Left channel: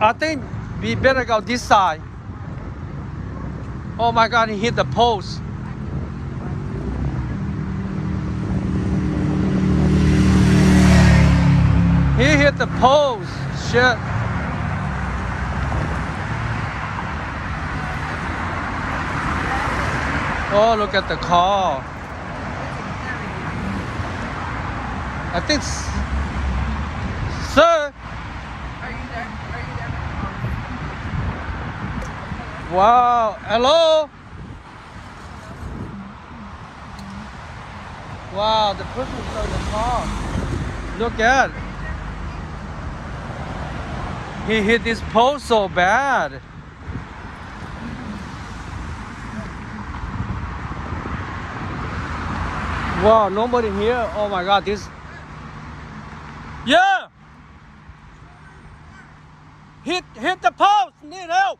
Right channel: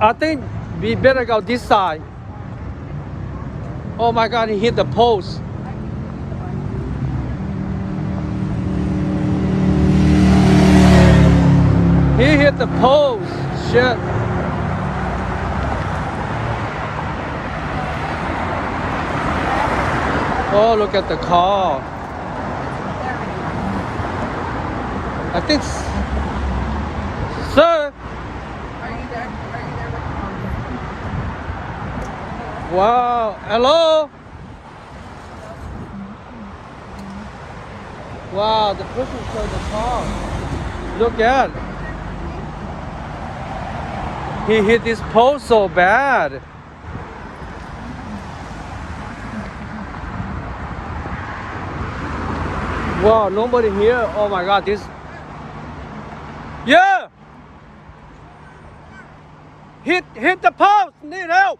I think we better go this side. Oh my God, he hit the post. He hit the post. Shit. Oh, look at the car. I think, sir. Wow. Hello. Wow, the person's in the car. Look at. He hit this post so bad. Wow, nobody here. Oh my God, this. Yeah. Hit the post. Need help.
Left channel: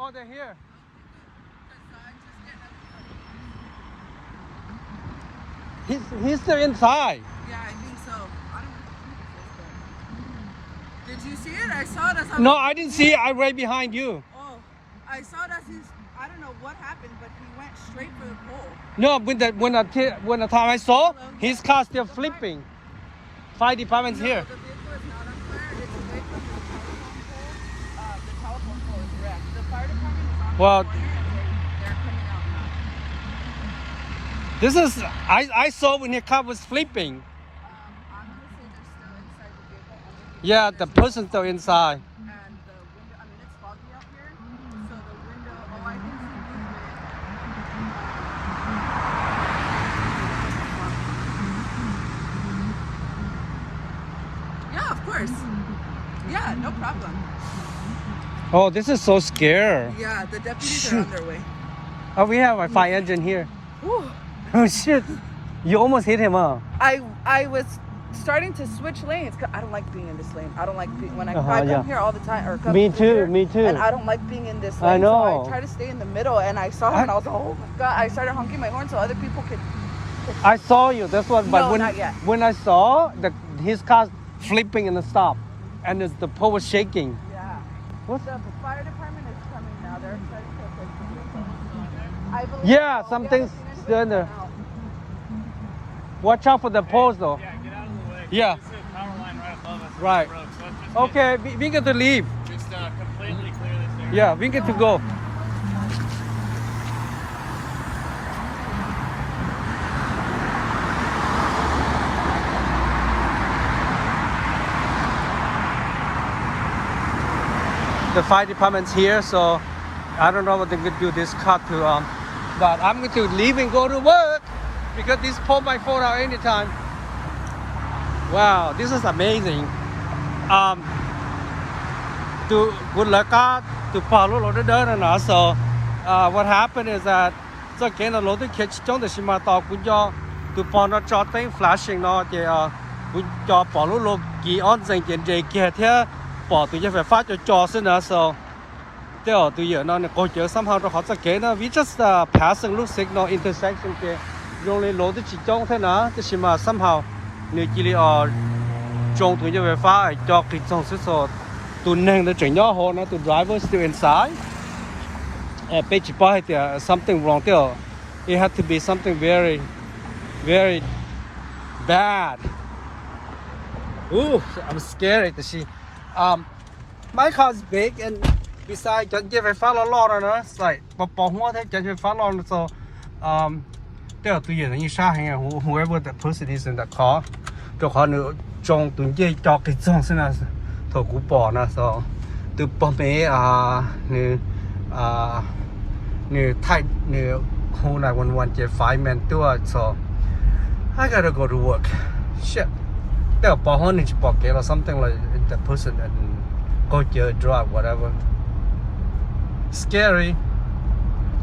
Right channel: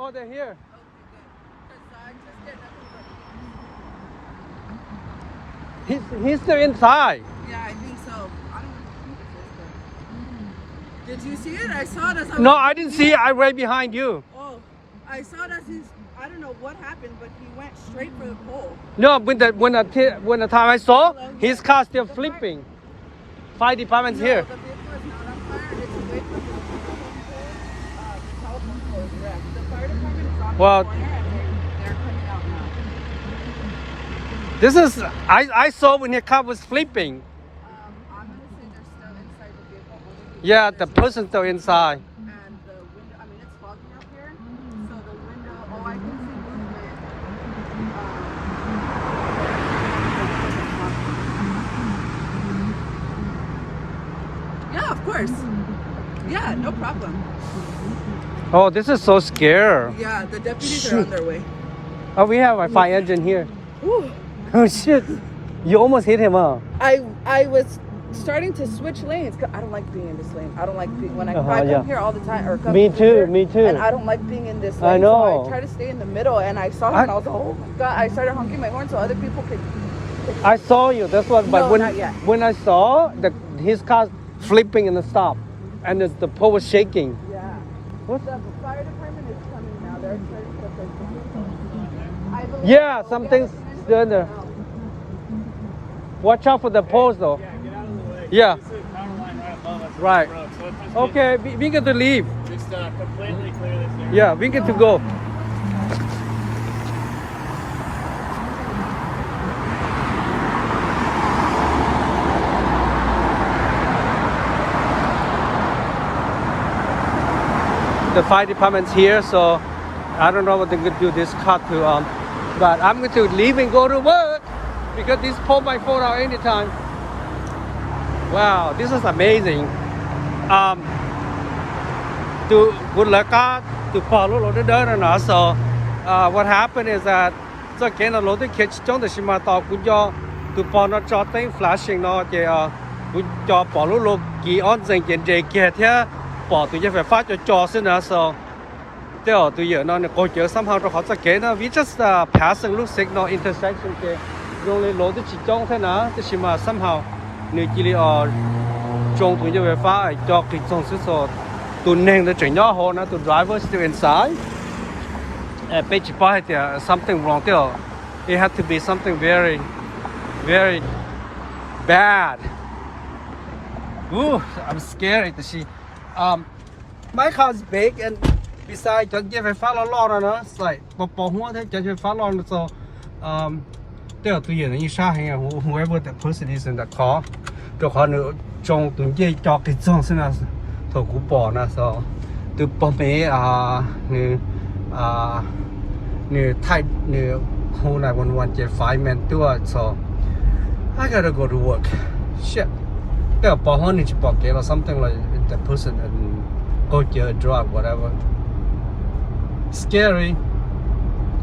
Oh, they're here. He's still inside. Yeah, I think so. I don't know who this is, but... Did you see it? I saw it as I was... No, I didn't see it. I'm right behind you. Oh, I saw it as he's... I don't know what happened, but he went straight for the pole. No, when the time I saw, his car still flipping. Fire department's here. The vehicle is not on fire. It's away from the telephone pole is wrecked. The fire department is on the corner and they're coming out now. This is I saw when your car was flipping. I'm gonna say they're still inside the vehicle. Yeah, the person's still inside. And the window, I mean, it's foggy up here, so the window, oh, I can see movement. Yeah, of course. Yeah, no problem. Oh, this is so scary. Yeah, the deputies are on their way. Oh, we have a fire engine here. Whew. Oh shit! You almost hit him, huh? I was starting to switch lanes. 'Cause I don't like being in this lane. I don't like being when I come yeah. here all the time. Or come Me here, too. Me too. And I don't like being in this lane. I know. So I try to stay in the middle, and I saw him, and I was like, oh my God! I started honking my horn so other people could. I saw you. That's what. But No, not yet. when I saw his car flipping in the stop, and the pole was shaking. Yeah. What's The fire department is coming now. They're trying to put those. Yeah, something's still in there. Watch out for the post though. Yeah, get out of the way. Yeah. This is power line right above us. Right. Road, so it's just Okay, we get to leave. Just completely clear this area. Yeah, we get to go. The fire department's here, so I don't know what they're going to do this car to, but I'm going to leave and go to work because this pull my phone out anytime. Wow, this is amazing. To good luck out to follow the door. So what happened is that so again a lot of kids don't the shima to pawn not shotting flashing no we job follow look key on the get here bỏ từ cái phát cho xin so theo từ giờ nó coi chờ somehow nó khó sẽ kế nó we just passing look signal intersection ke rồi lối tới chỉ trong thế nào cái gì mà somehow người chỉ ở trong từ cái phát cho cái trong số số từ nền nó chuyển nhỏ hơn nó từ driver still inside bây giờ bao thì something wrong there it had to be something very very bad. Ooh, I'm scared to see. My car is big and besides just give a follow lot on us like bỏ hoa thế just follow so there to you you shot here whoever that person is in the car cho họ nữa trong từng cái cho cái trong thế nào thôi cũng bỏ na so từ bỏ bé người Thai người whole 911 just 5-man tour so I gotta go to work shit there bỏ hoa thì bỏ cái or something like the person and go to a drug whatever scary.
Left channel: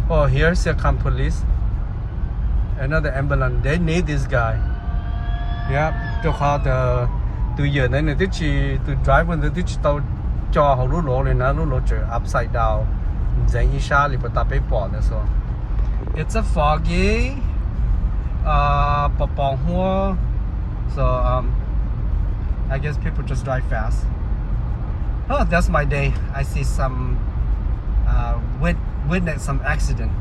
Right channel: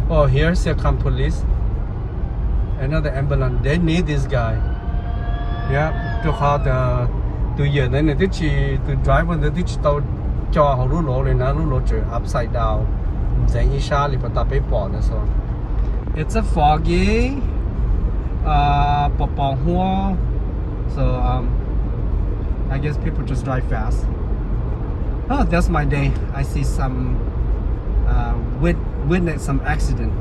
Oh, here's come police, another ambulance. They need this guy. Yeah, to call the giờ này này chỉ the driver the chỉ tàu cho họ lú lỗ lên nó lú lỗ trở upside down dành ý xa thì phải tập bé bỏ nữa so it's a foggy bỏ hoa so I guess people just drive fast. Oh, that's my day. I see some witness some accident.